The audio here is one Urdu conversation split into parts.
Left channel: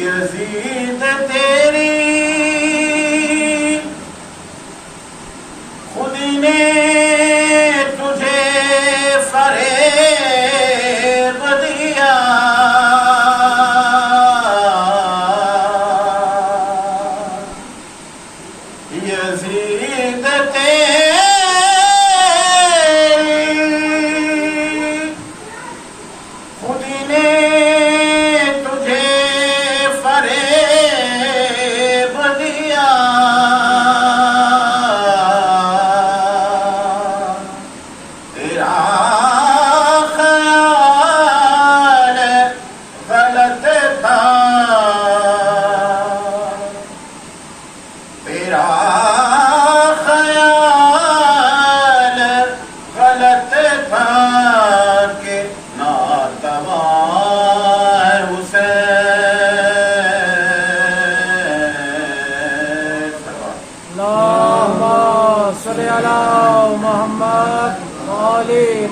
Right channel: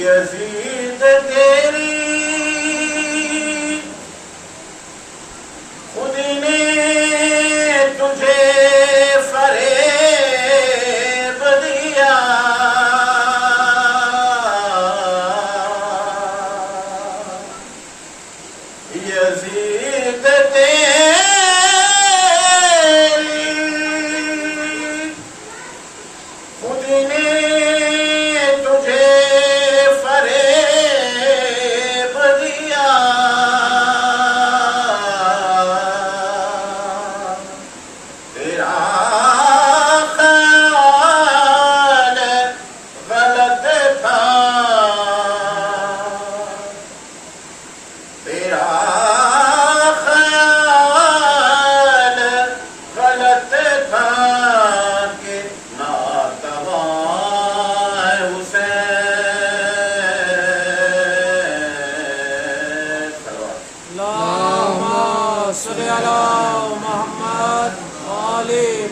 یزید تیری خودی نے تجھے فریب دیا، یزید تیری خودی نے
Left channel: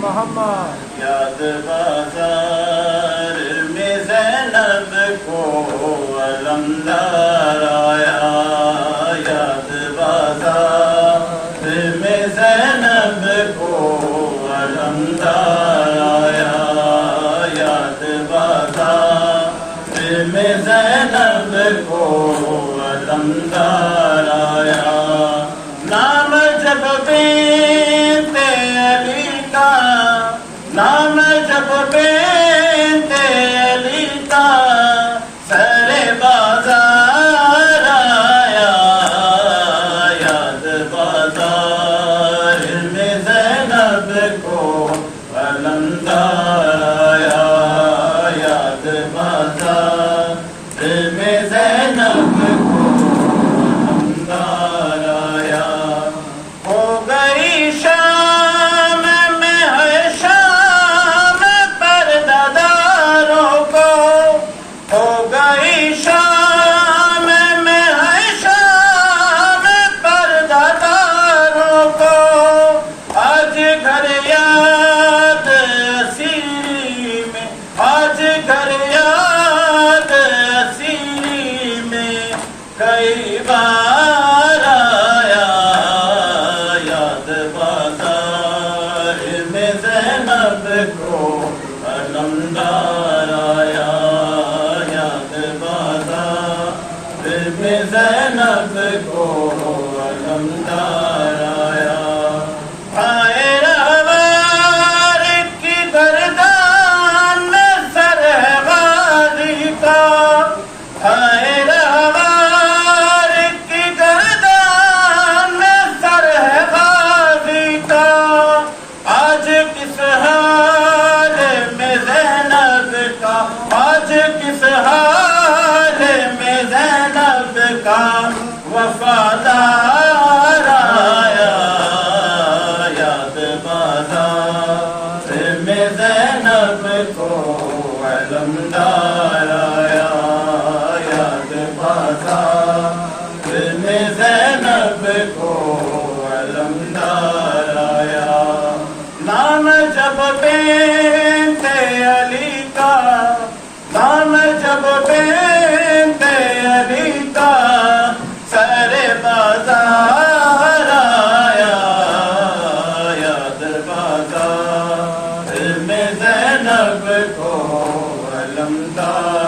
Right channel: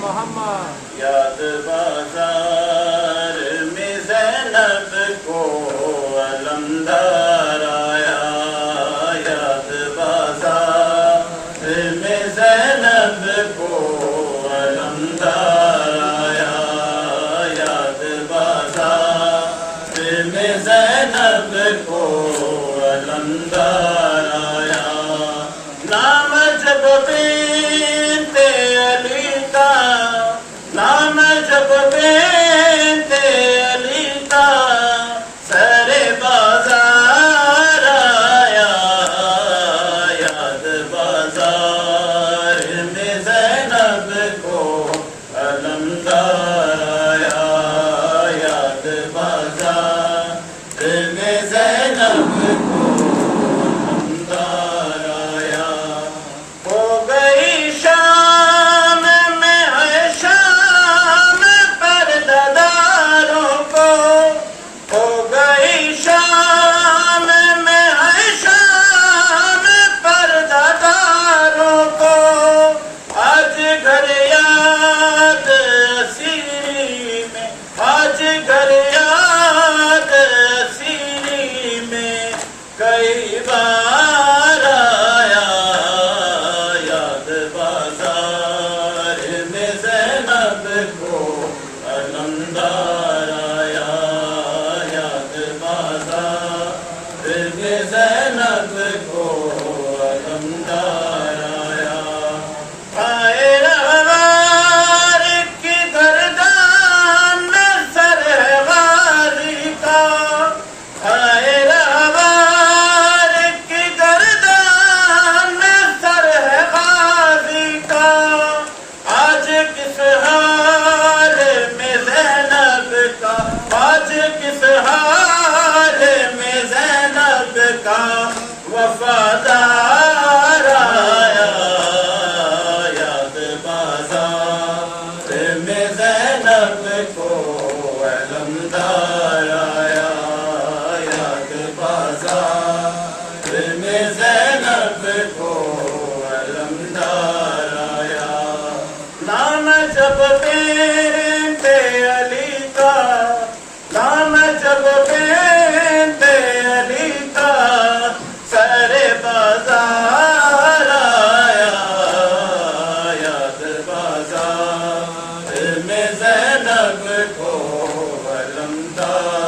محمد یاد بازار میں زینب کو علمدار آیا، یاد بازار میں زینب کو علمدار آیا، یاد بازار میں زینب کو علمدار آیا، نام جب جب بنت علی کا سر بازار آیا، یاد بازار میں زینب کو علمدار آیا، یاد بازار میں زینب کو علمدار آیا، ہو گئی شام میں ہے شام پرداداروں کو، ہو گئی شام میں ہے شام پرداداروں کو، آج گھر یاد اسیری میں، آج گھر یاد اسیری میں کئی بار آیا، یاد بازار میں زینب کو علمدار آیا، یاد بازار میں زینب کو علمدار آیا، آئے روار کدھر جان سر غازی کا، آئے روار کدھر جان سر غازی کا، آج کس حال میں زینب کا، آج کس حال میں زینب کا وفادار آیا، یاد بازار میں زینب کو علمدار آیا۔ جب بنت علی کا دانا جب بنت علی کا سر بازار آیا در بازار میں زینب کو علمدار